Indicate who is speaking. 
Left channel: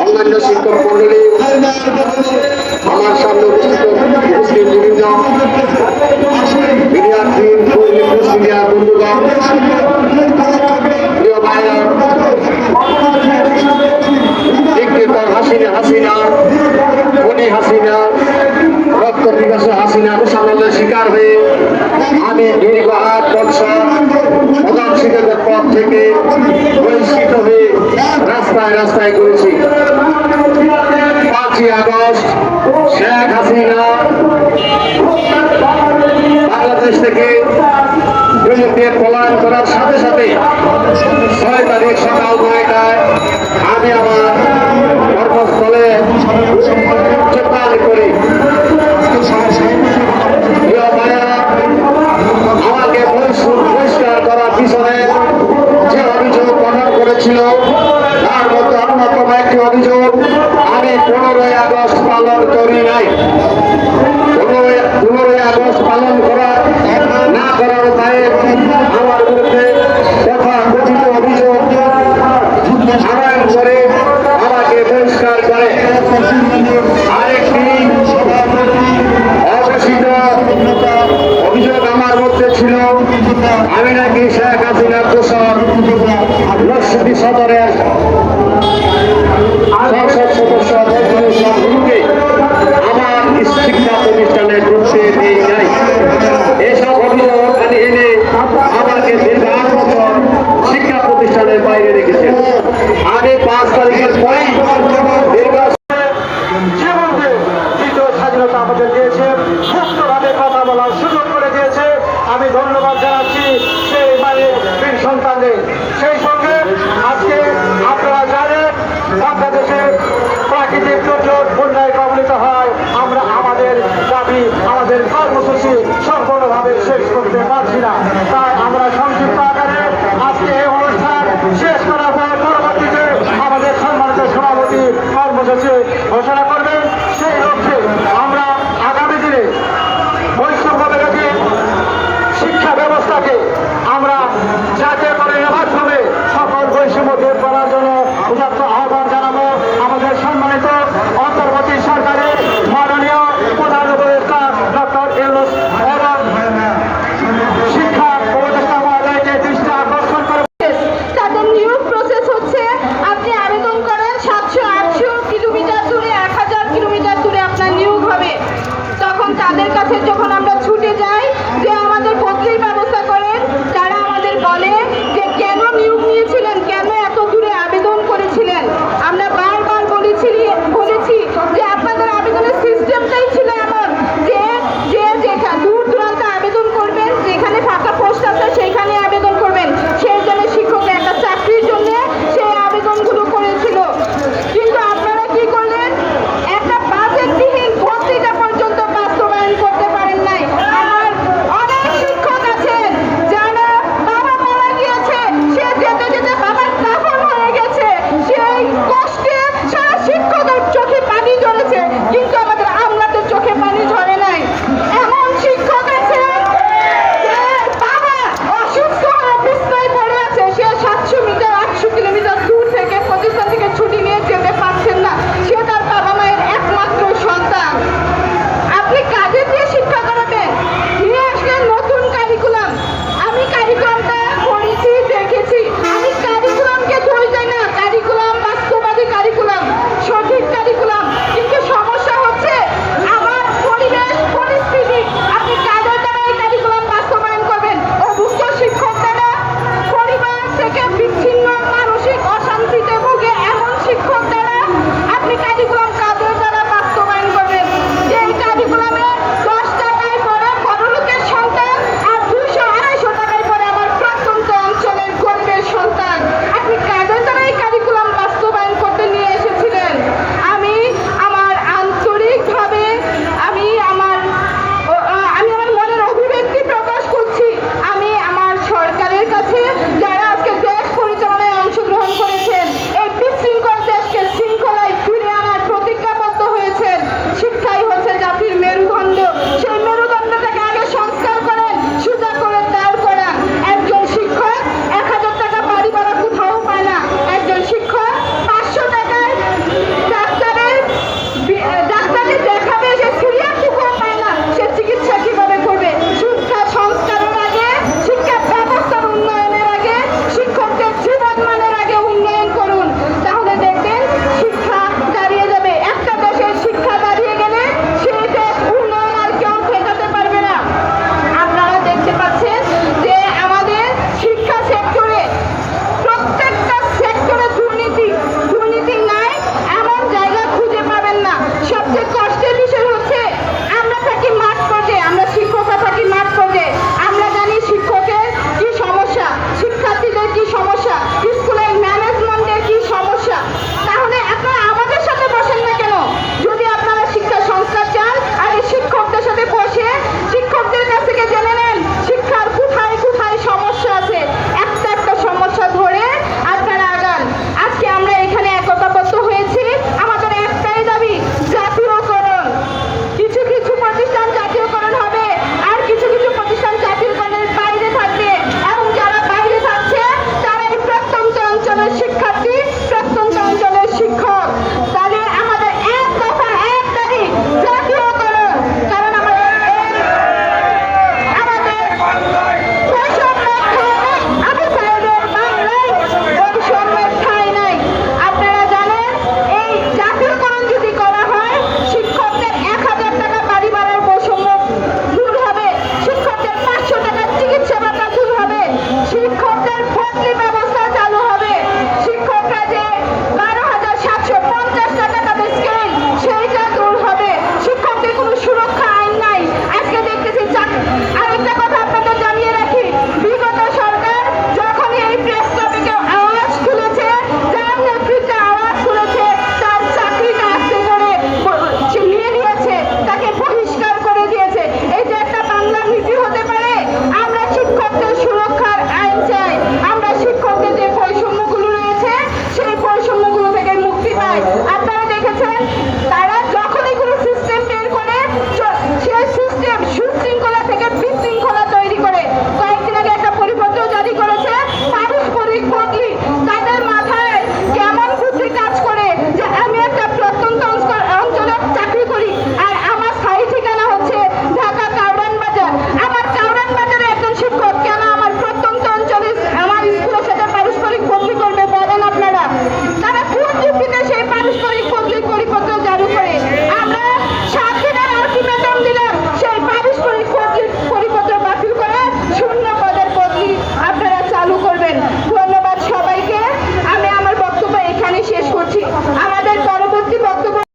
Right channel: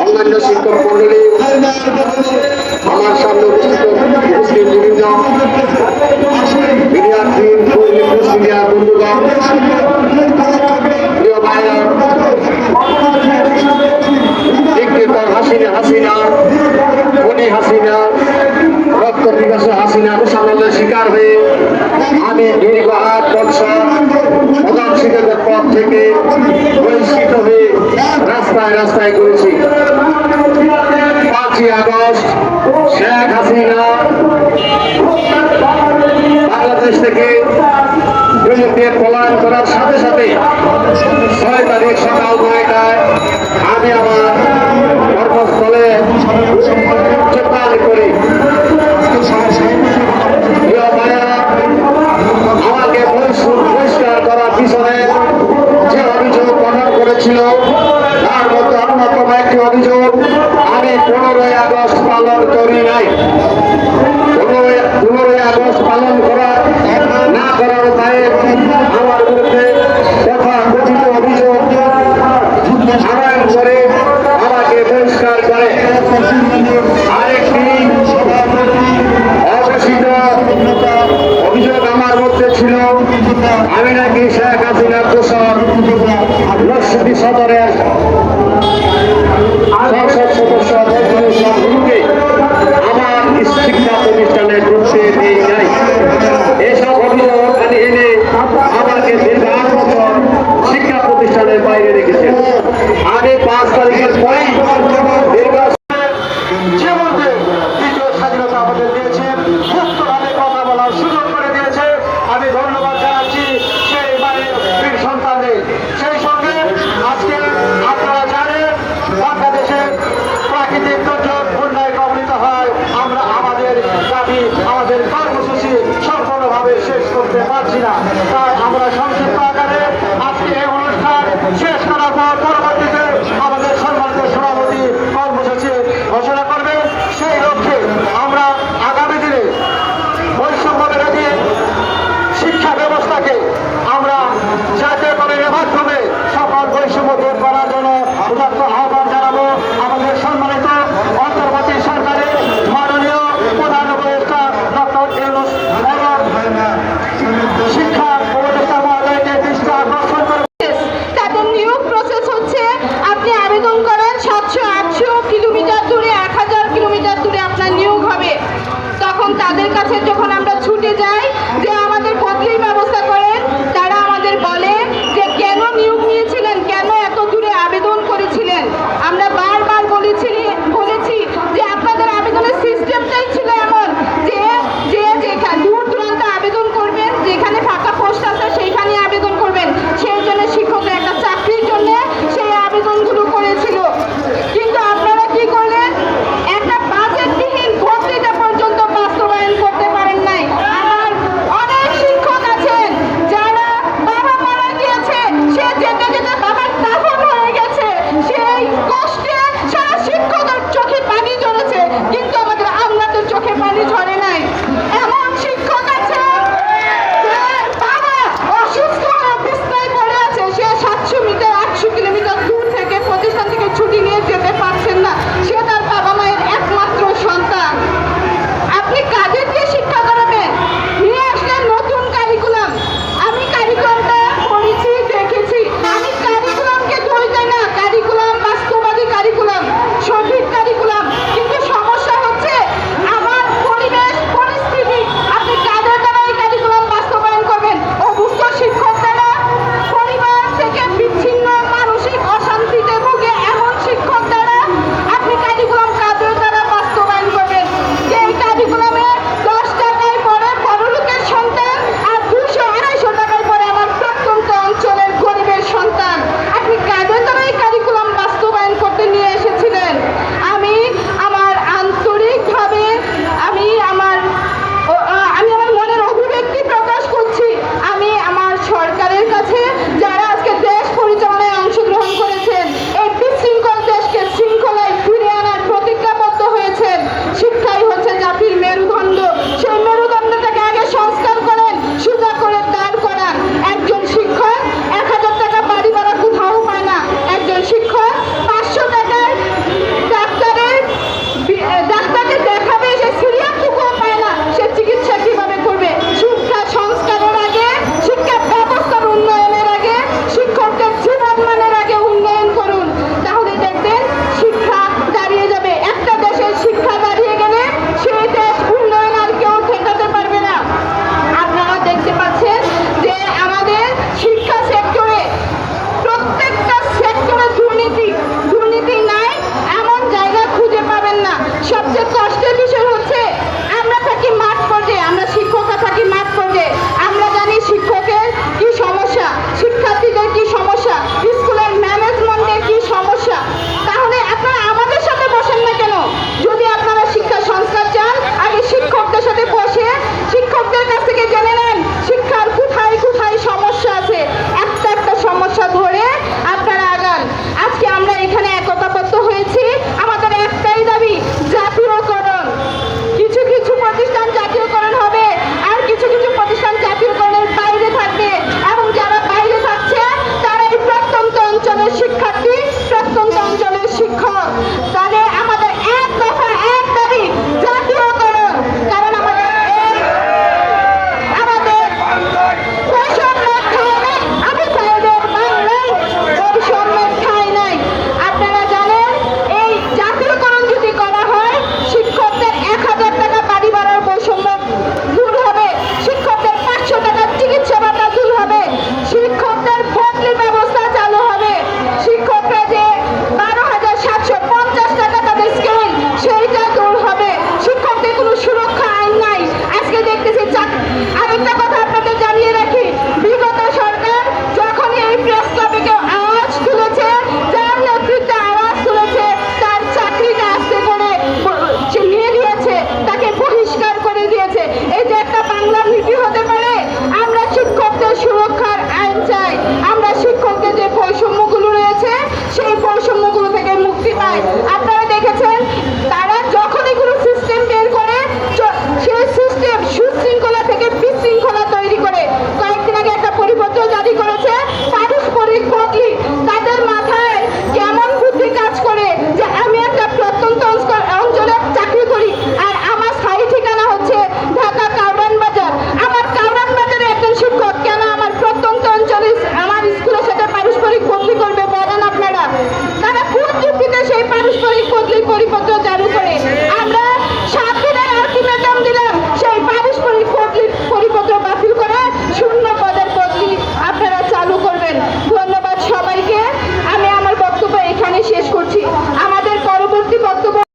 Speaker 1: অন্যান্য শিক্ষক মন্ডলী আমার সামনে উপস্থিত উপস্থিত বিভিন্ন মিডিয়ার টিম শিকার হয়ে আমি দীর্ঘ আট বছর প্রধান পদ থেকে বহিষ্কৃত হয়ে রাস্তায় রাস্তায় করেছি পাঁচই আগস্ট, শেখ হাসিনা বাংলাদেশ থেকে ছিল আমি নাকি শেখ হাসিনা কোসর নকশি সদরের
Speaker 2: আকারে আজকে এই অনুষ্ঠান শেষ করা
Speaker 3: में